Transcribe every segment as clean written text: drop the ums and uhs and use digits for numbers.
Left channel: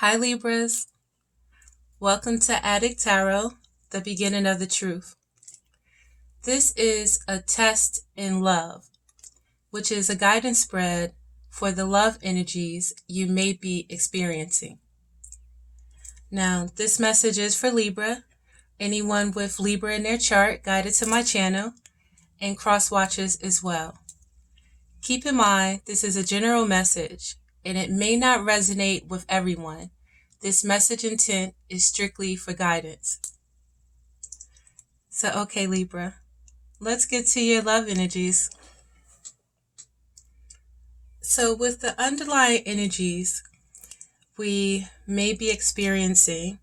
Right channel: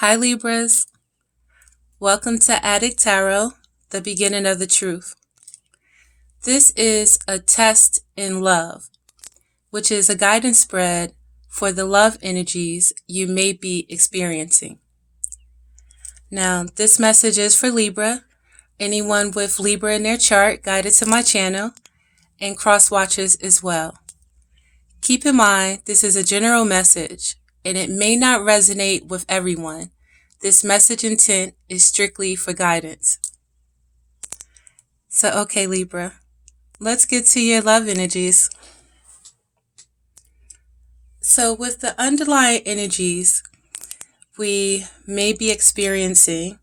Hi Libras, welcome to Adik Tarot, the beginning of the truth. This is a test in love, which is a guidance spread for the love energies you may be experiencing. Now, this message is for Libra, anyone with Libra in their chart guided to my channel, and cross watchers as well. Keep in mind, this is a general message, and it may not resonate with everyone. This message intent is strictly for guidance. So, okay, Libra, let's get to your love energies. So, with the underlying energies we may be experiencing,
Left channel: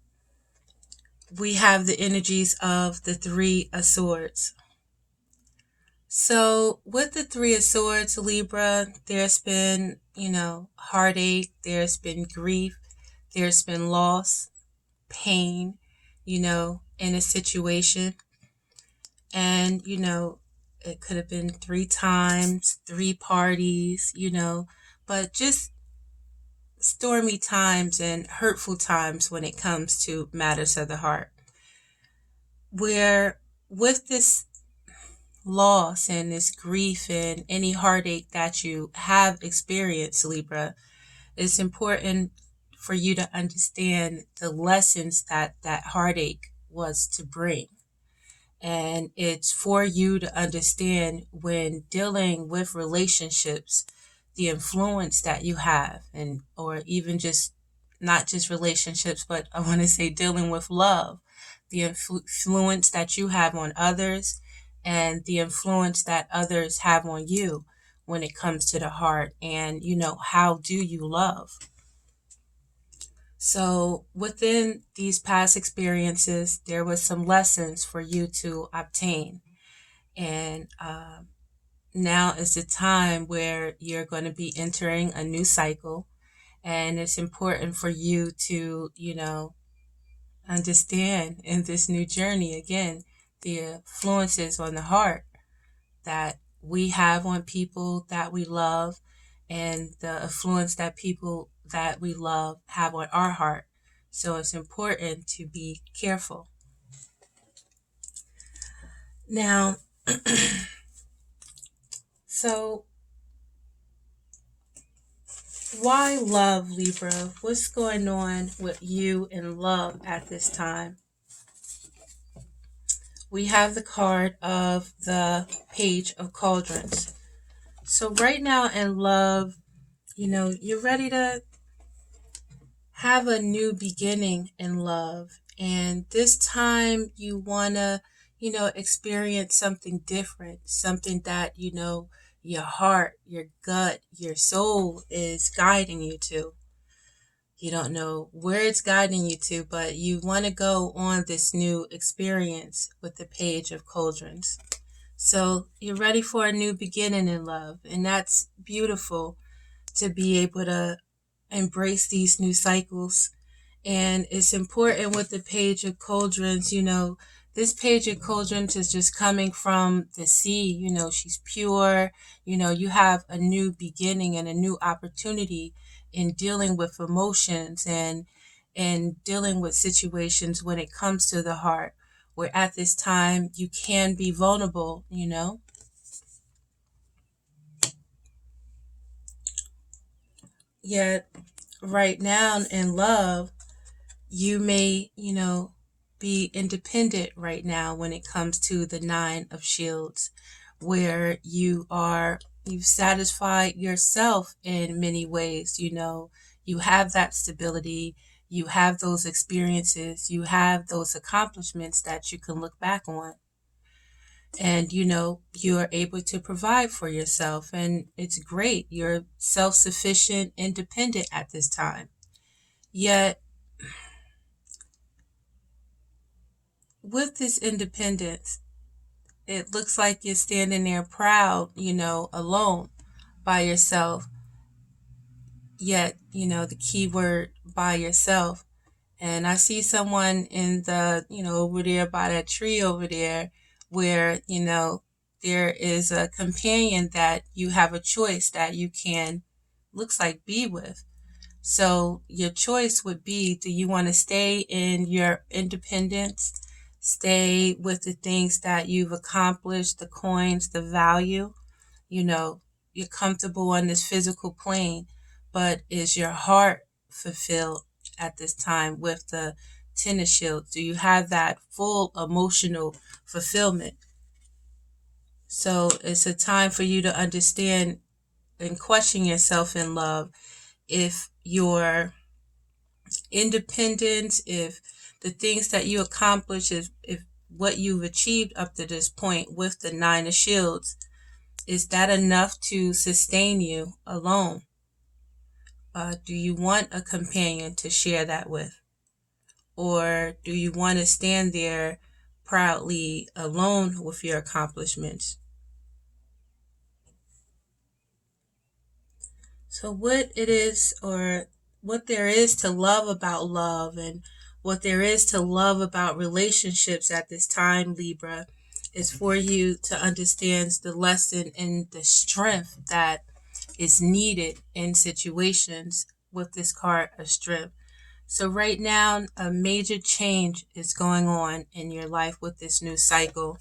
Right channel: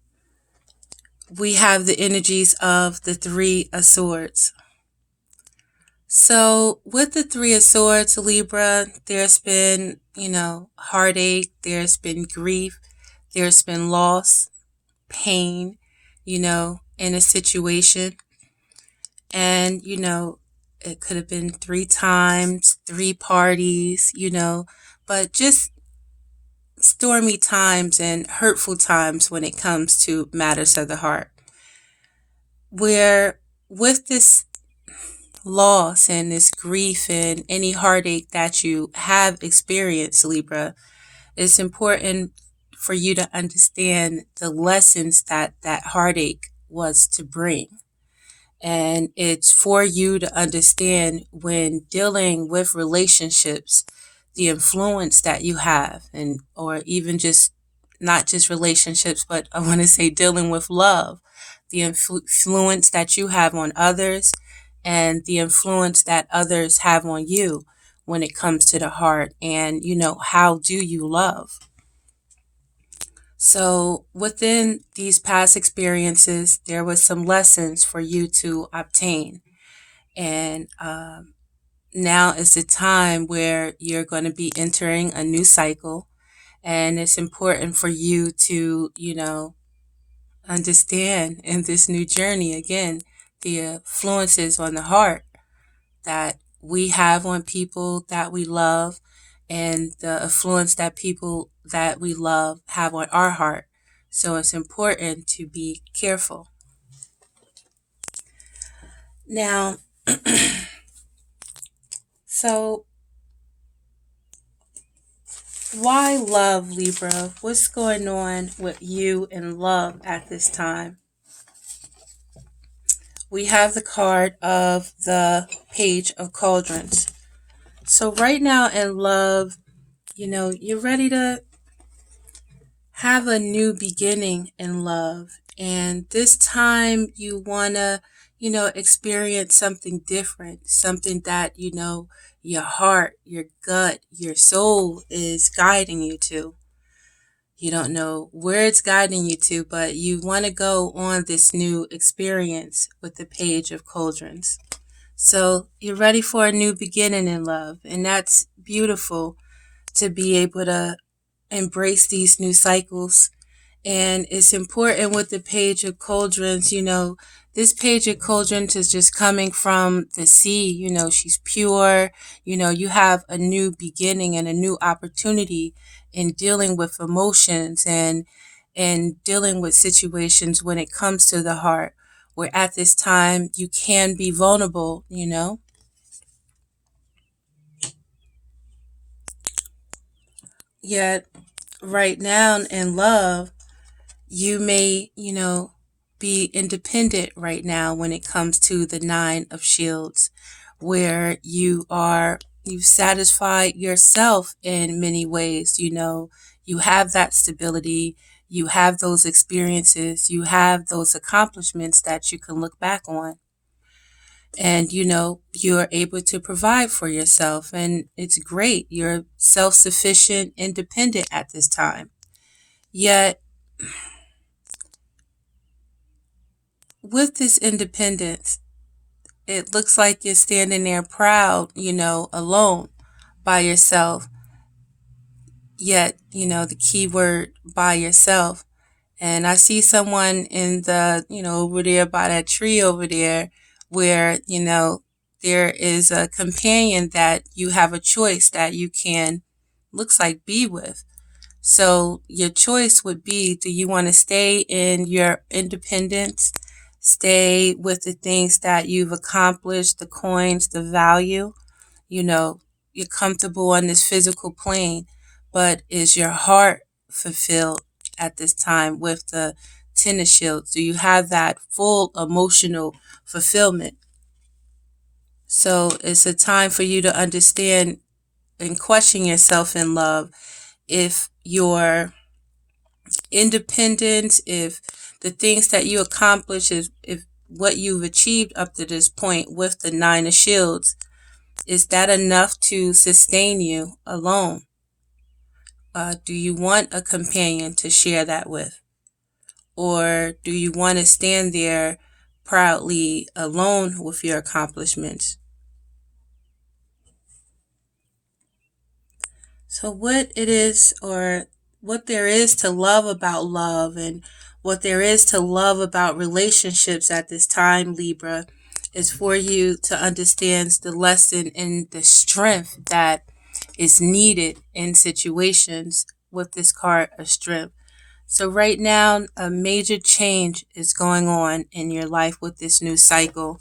we have the energies of the Three of Swords. So, with the Three of Swords, Libra, there's been, heartache, there's been grief, there's been loss, pain, in a situation. And, it could have been 3 times, 3 parties, but just stormy times and hurtful times when it comes to matters of the heart. Where with this loss and this grief and any heartache that you have experienced, Libra, it's important for you to understand the lessons that that heartache was to bring. And it's for you to understand when dealing with relationships, the influence that you have, and or even just not just relationships, but I want to say dealing with love, the influence that you have on others and the influence that others have on you when it comes to the heart. And, how do you love? So within these past experiences, there was some lessons for you to obtain. And now is the time where you're going to be entering a new cycle. And it's important for you to, understand in this new journey, again, the influences on the heart that we have on people that we love and the influence that people that we love have on our heart. So it's important to be careful. Now, so why love, Libra? What's going on with you and love at this time? We have the card of the Page of Cauldrons. So right now in love, you're ready to have a new beginning in love. And this time you want to, experience something different, something that, your heart, your gut, your soul is guiding you to. You don't know where it's guiding you to, but you want to go on this new experience with the Page of Cauldrons. So you're ready for a new beginning in love. And that's beautiful to be able to embrace these new cycles. And it's important with the Page of Cauldrons, this Page of Cauldrons is just coming from the sea, she's pure, you have a new beginning and a new opportunity in dealing with emotions and dealing with situations when it comes to the heart, where at this time you can be vulnerable, Yet right now in love, you may, be independent right now when it comes to the Nine of Shields, where you've satisfied yourself in many ways. You have that stability, you have those experiences, you have those accomplishments that you can look back on. And you're able to provide for yourself, and it's great. You're self-sufficient, independent at this time. Yet with this independence, it looks like you're standing there proud, alone by yourself. Yet, the key word by yourself. And I see someone in the, over there by that tree over there where, there is a companion that you have a choice that you can, looks like, be with. So your choice would be, do you want to stay in your independence, stay with the things that you've accomplished, the coins, the value, you know, you're comfortable on this physical plane, but is your heart fulfilled at this time with the Ten of Shields? Do you have that full emotional fulfillment? So it's a time for you to understand and question yourself in love. If your independence, if the things that you accomplish, if what you've achieved up to this point with the Nine of Shields, is that enough to sustain you alone? Do you want a companion to share that with? Or do you want to stand there proudly alone with your accomplishments? So, what it is, or what there is to love about love, and what there is to love about relationships at this time, Libra, is for you to understand the lesson and the strength that is needed in situations with this card of strength. So, right now, a major change is going on in your life with this new cycle,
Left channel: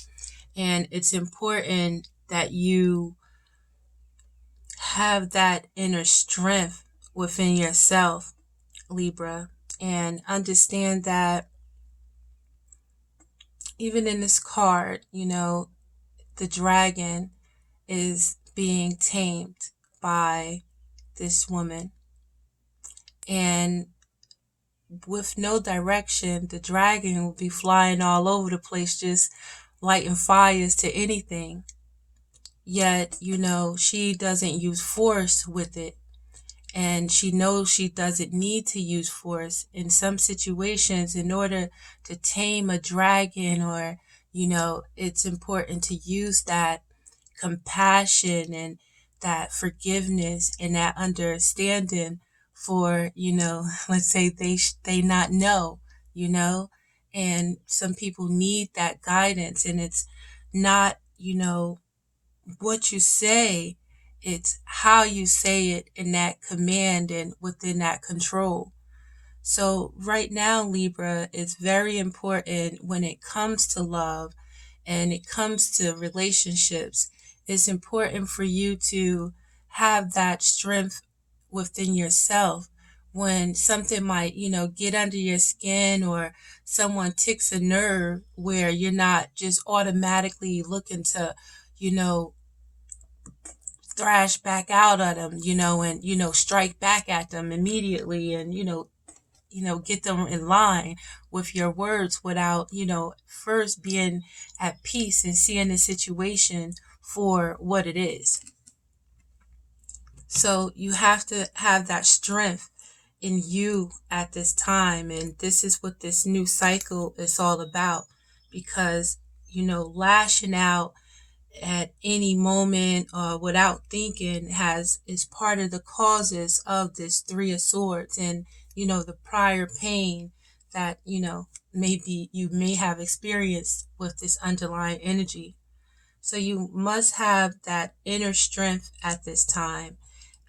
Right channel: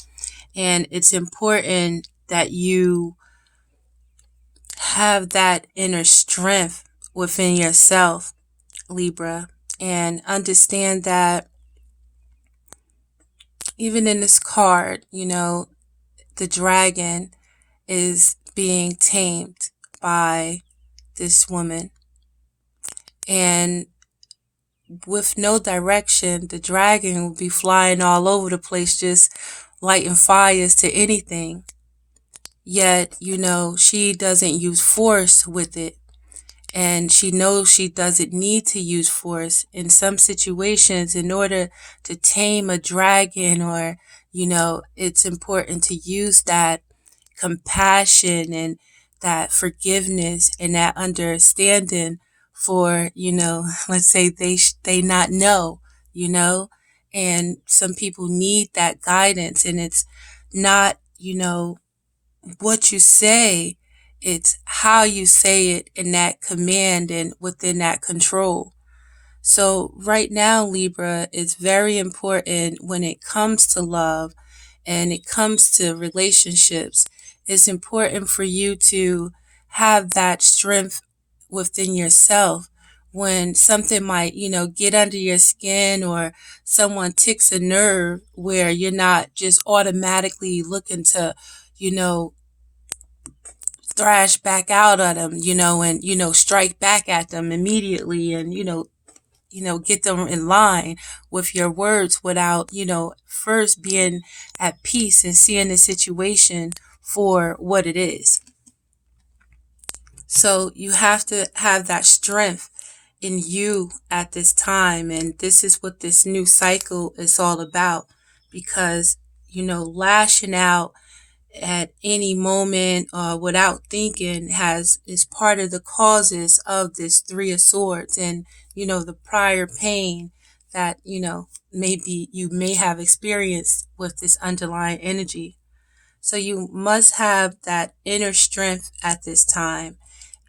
and it's important that you have that inner strength within yourself, Libra, and understand that even in this card, the dragon is being tamed by this woman. And with no direction, the dragon will be flying all over the place, just lighting fires to anything. Yet, she doesn't use force with it. And she knows she doesn't need to use force in some situations in order to tame a dragon, or, it's important to use that compassion and that forgiveness and that understanding for, let's say they not know, and some people need that guidance, and it's not, what you say, it's how you say it in that command and within that control. So, right now, Libra, it's very important when it comes to love and it comes to relationships. It's important for you to have that strength within yourself when something might, get under your skin, or someone ticks a nerve, where you're not just automatically looking to, you know, thrash back out at them, and, strike back at them immediately, and, get them in line with your words without, first being at peace and seeing the situation for what it is. So you have to have that strength in you at this time. And this is what this new cycle is all about. Because, lashing out at any moment, without thinking, is part of the causes of this Three of Swords, and the prior pain that maybe you may have experienced with this underlying energy. So you must have that inner strength at this time,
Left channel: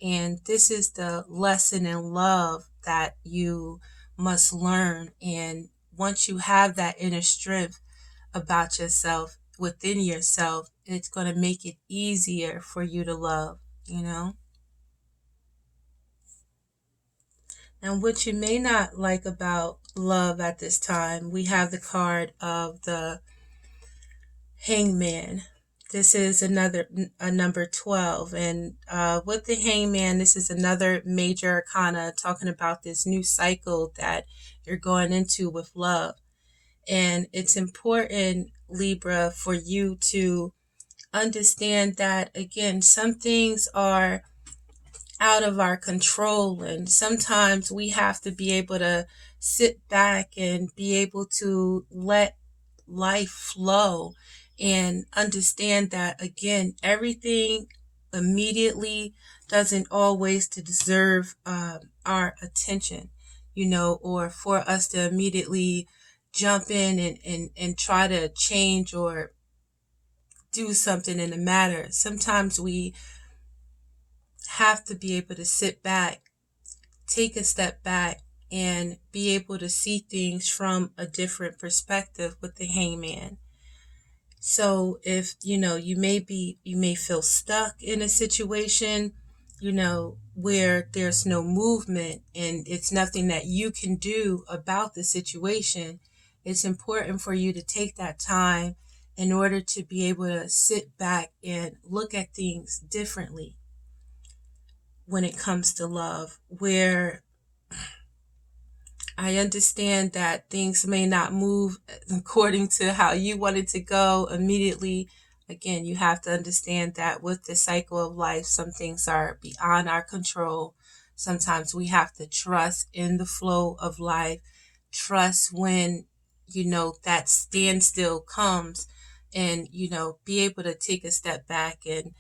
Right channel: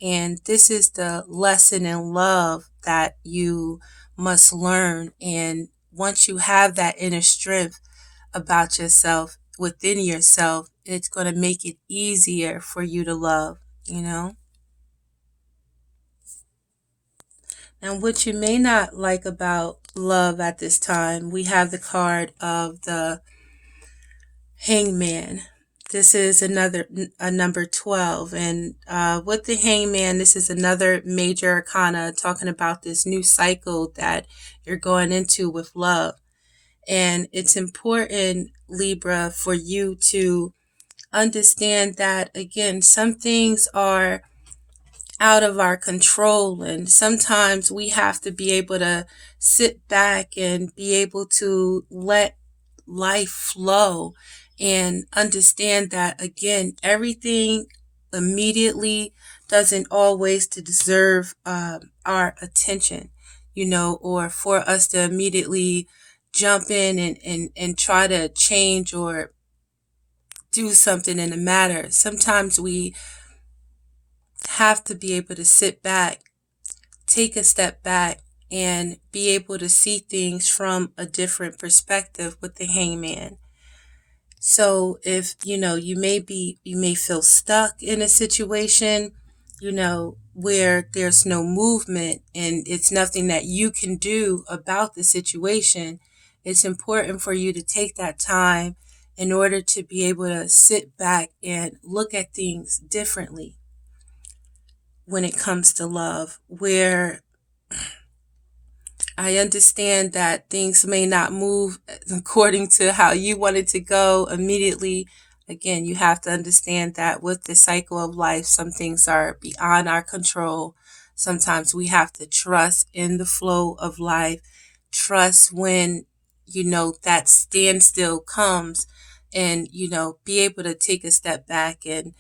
and this is the lesson in love that you must learn. And once you have that inner strength about yourself, within yourself, it's going to make it easier for you to love. And what you may not like about love at this time, we have the card of the Hangman. This is a number 12. And with the Hangman, this is another major arcana talking about this new cycle that you're going into with love. And it's important, Libra, for you to understand that, again, some things are out of our control, and sometimes we have to be able to sit back and be able to let life flow, and understand that, again, everything immediately doesn't always to deserve our attention, or for us to immediately jump in and try to change or do something in the matter. Sometimes we have to be able to sit back, take a step back and be able to see things from a different perspective with the Hangman. So if, you may feel stuck in a situation, where there's no movement and it's nothing that you can do about the situation, it's important for you to take that time in order to be able to sit back and look at things differently when it comes to love, where I understand that things may not move according to how you want it to go immediately. Again, you have to understand that with the cycle of life, some things are beyond our control. Sometimes we have to trust in the flow of life, trust when, that standstill comes, and, be able to take a step back and,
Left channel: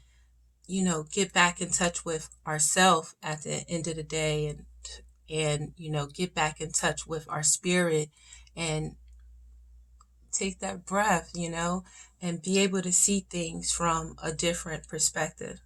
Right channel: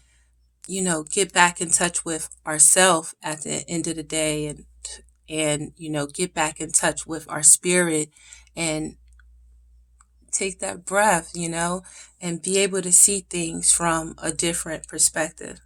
get back in touch with ourselves at the end of the day, and get back in touch with our spirit, and take that breath, and be able to see things from a different perspective.